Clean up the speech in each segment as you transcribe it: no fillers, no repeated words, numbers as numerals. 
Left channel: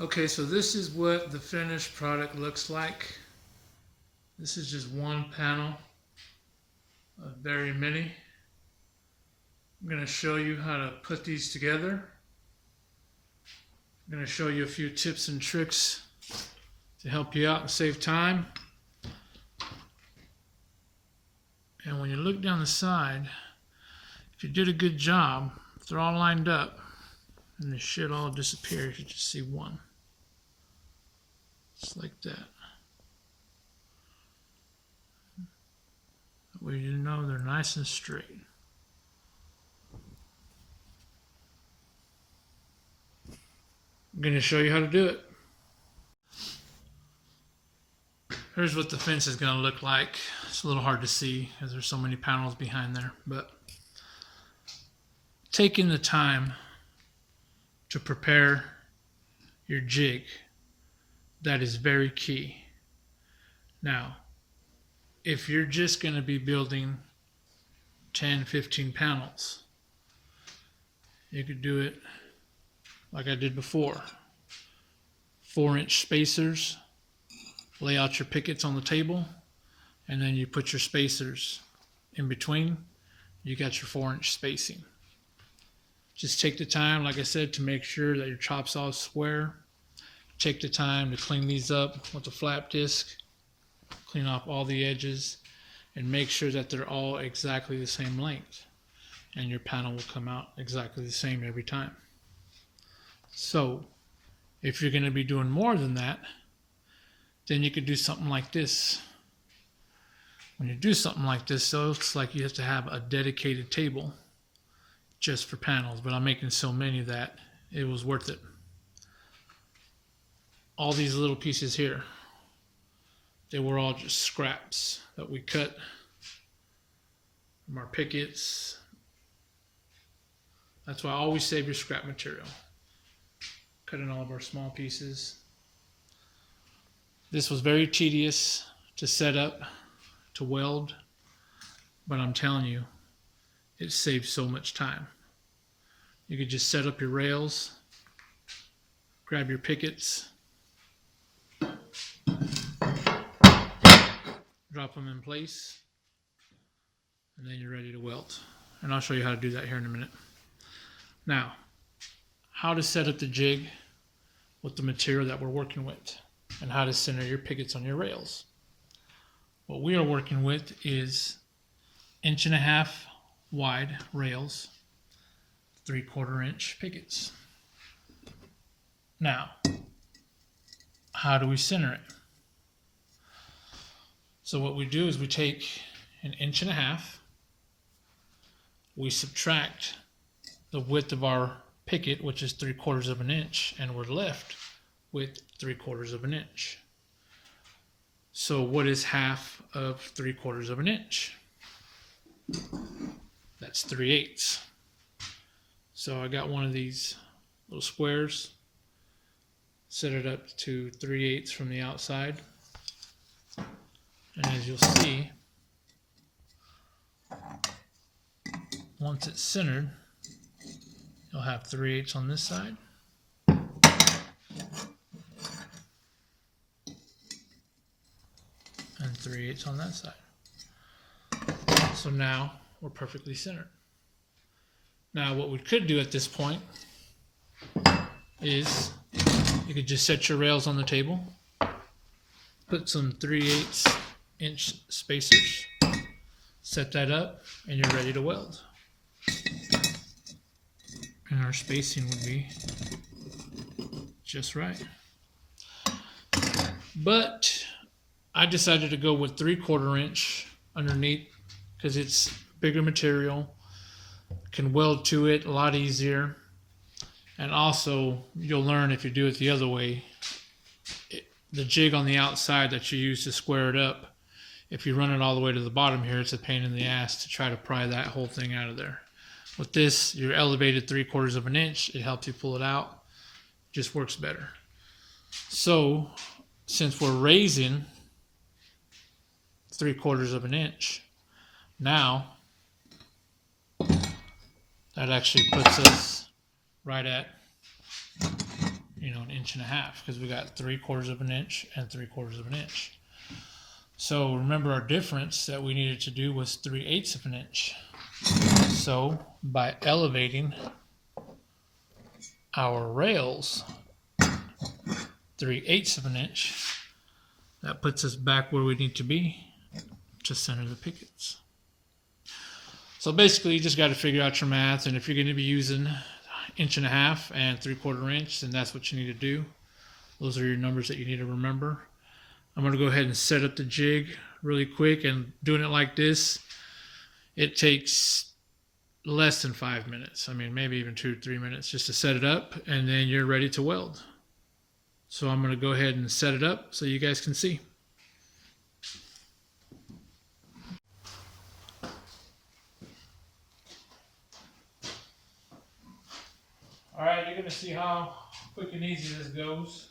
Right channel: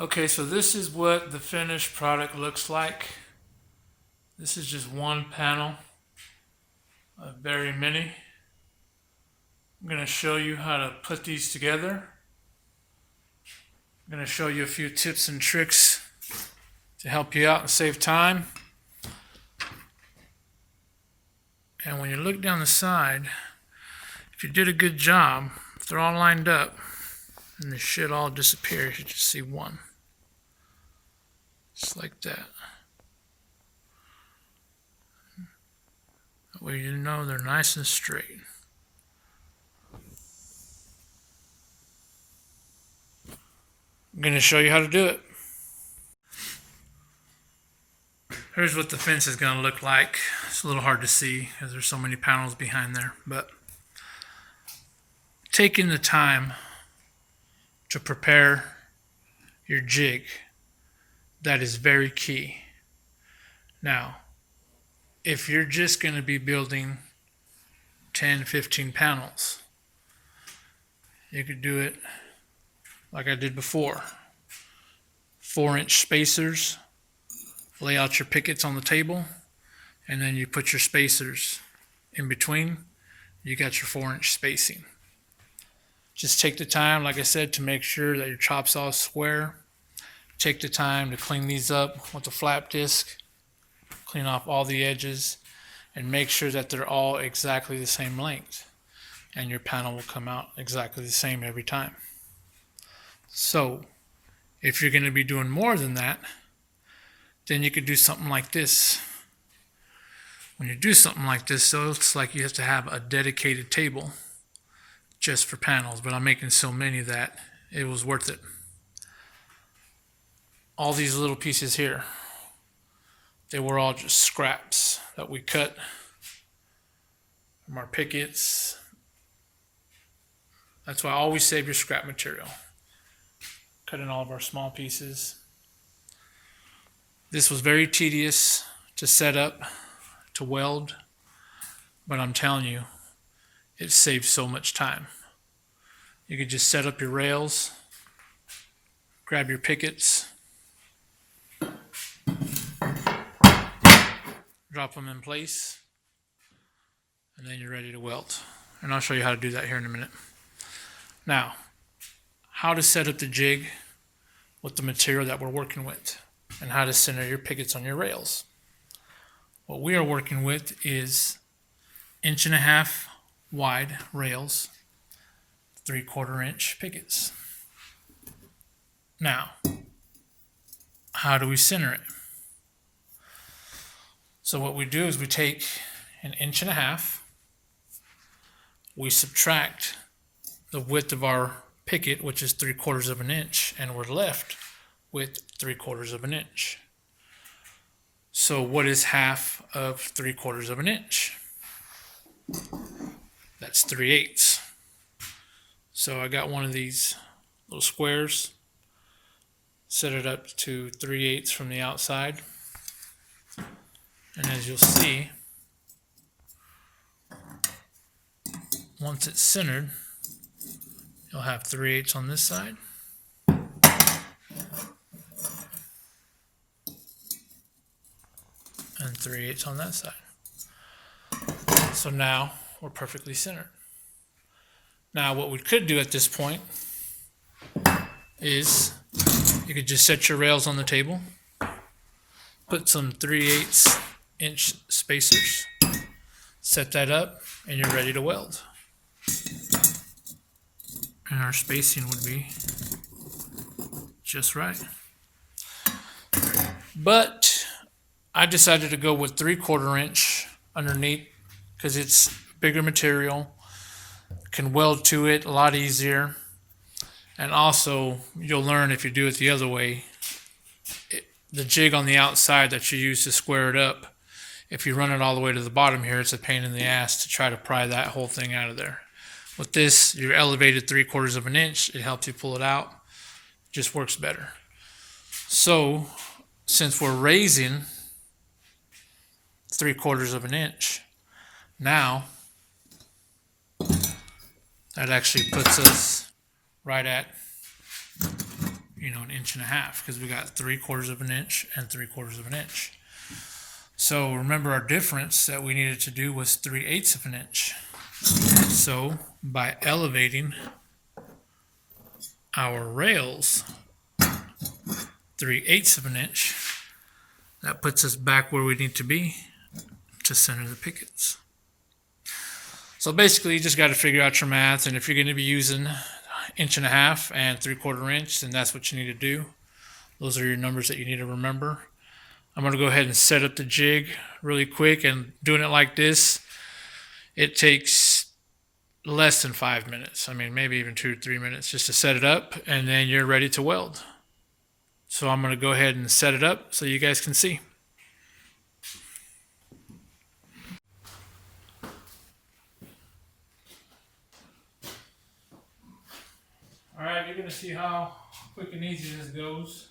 Okay, so this is what the finished product looks like. This is just one panel of very many. I'm going to show you how to put these together. I'm going to show you a few tips and tricks to help you out and save time. And when you look down the side, if you did a good job, if they're all lined up and they should all disappear, you should just see one. Just like that. That way you know they're nice and straight. I'm going to show you how to do it. Here's what the fence is going to look like. It's a little hard to see because there's so many panels behind there, but taking the time to prepare your jig, that is very key. Now, if you're just going to be building 10, 15 panels, you could do it like I did before. 4-inch spacers, lay out your pickets on the table, and then you put your spacers in between. You got your 4-inch spacing. Just take the time, like I said, to make sure that your chop saw is square. Take the time to clean these up with a flap disc, clean off all the edges, and make sure that they're all exactly the same length. And your panel will come out exactly the same every time. So, if you're going to be doing more than that, then you could do something like this. When you do something like this, so it's like you have to have a dedicated table just for panels, but I'm making so many that it was worth it. All these little pieces here, they were all just scraps that we cut from our pickets. That's why I always save your scrap material. Cutting all of our small pieces. This was very tedious to set up, to weld, but I'm telling you, it saves so much time. You could just set up your rails, grab your pickets, drop them in place, and then you're ready to weld. And I'll show you how to do that here in a minute. Now, how to set up the jig with the material that we're working with, and how to center your pickets on your rails. What we are working with is 1.5 inch wide rails, 3/4 inch pickets. Now, how do we center it? So what we do is we take 1.5 inches, we subtract the width of our picket, which is 3/4 inch, and we're left with 3/4 inch. So what is half of 3/4 inch? That's 3/8. So I got one of these little squares, set it up to 3/8 from the outside. And as you'll see, once it's centered, you'll have 3/8 on this side. And 3/8 on that side. So now we're perfectly centered. Now what we could do at this point is you could just set your rails on the table, put some 3/8 inch spacers, set that up, and you're ready to weld. And our spacing would be just right. But I decided to go with 3/4 inch underneath because it's bigger material, can weld to it a lot easier, and also you'll learn if you do it the other way, the jig on the outside that you use to square it up, if you run it all the way to the bottom here, it's a pain in the ass to try to pry that whole thing out of there. With this, you're elevated 3/4 inch, it helps you pull it out, just works better. So since we're raising 3/4 inch, now that actually puts us right at, an inch and a half, because we got 3/4 of an inch and 3/4 of an inch. So remember, our difference that we needed to do was 3/8 of an inch. So by elevating our rails 3/8 of an inch, that puts us back where we need to be to center the pickets. So basically, you just got to figure out your math, and if you're going to be using 1.5 inches and 3/4 inch, then that's what you need to do. Those are your numbers that you need to remember. I'm going to go ahead and set up the jig really quick, and doing it like this, it takes less than 5 minutes. I mean, maybe even 2 or 3 minutes just to set it up, and then you're ready to weld. So I'm going to go ahead and set it up so you guys can see. All right, you're going to see how quick and easy this goes.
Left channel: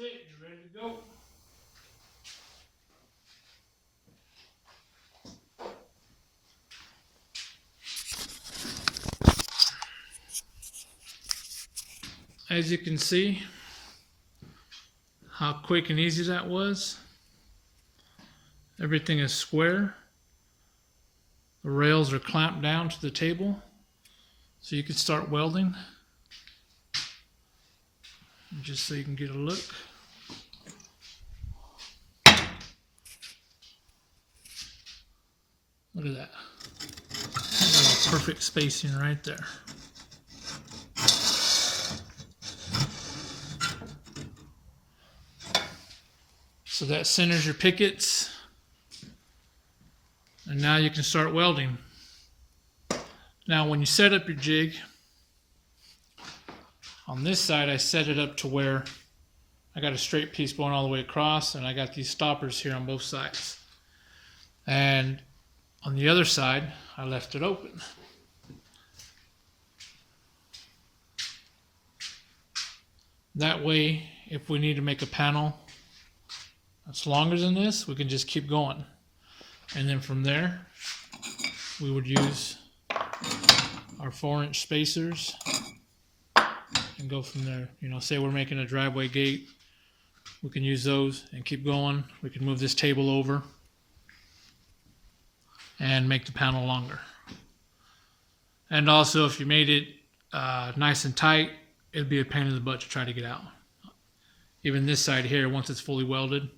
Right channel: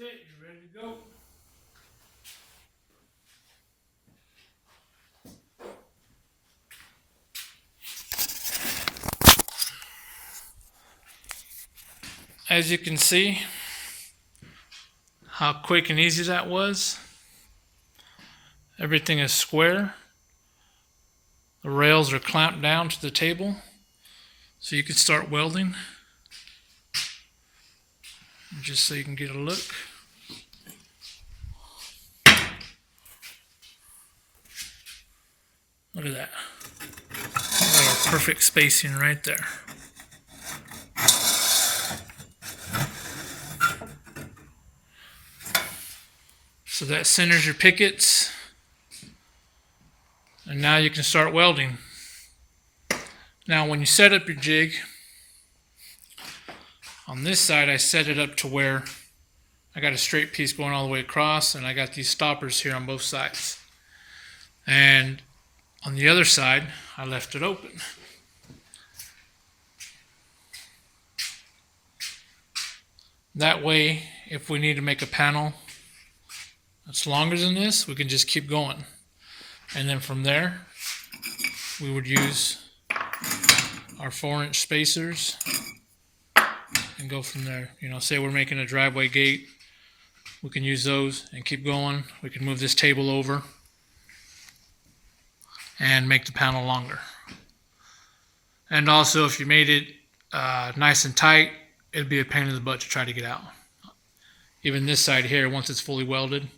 That's it, you're ready to go. As you can see, how quick and easy that was. Everything is square. The rails are clamped down to the table, so you can start welding. Just so you can get a look. Look at that. Got a perfect spacing right there. So that centers your pickets. And now you can start welding. Now when you set up your jig, on this side I set it up to where I got a straight piece going all the way across, and I got these stoppers here on both sides. And on the other side, I left it open. That way, if we need to make a panel that's longer than this, we can just keep going. And then from there, we would use our 4-inch spacers and go from there. Say we're making a driveway gate, we can use those and keep going. We can move this table over and make the panel longer. And also, if you made it nice and tight, it'd be a pain in the butt to try to get out. Even this side here, once it's fully welded,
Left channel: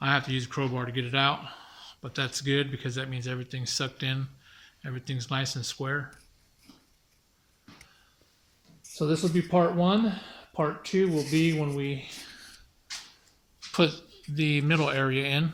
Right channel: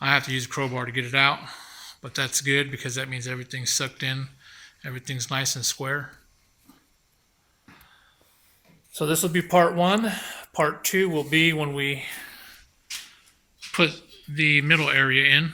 I have to use a crowbar to get it out, but that's good because that means everything's sucked in, everything's nice and square. So this will be part one. Part two will be when we put the middle area in.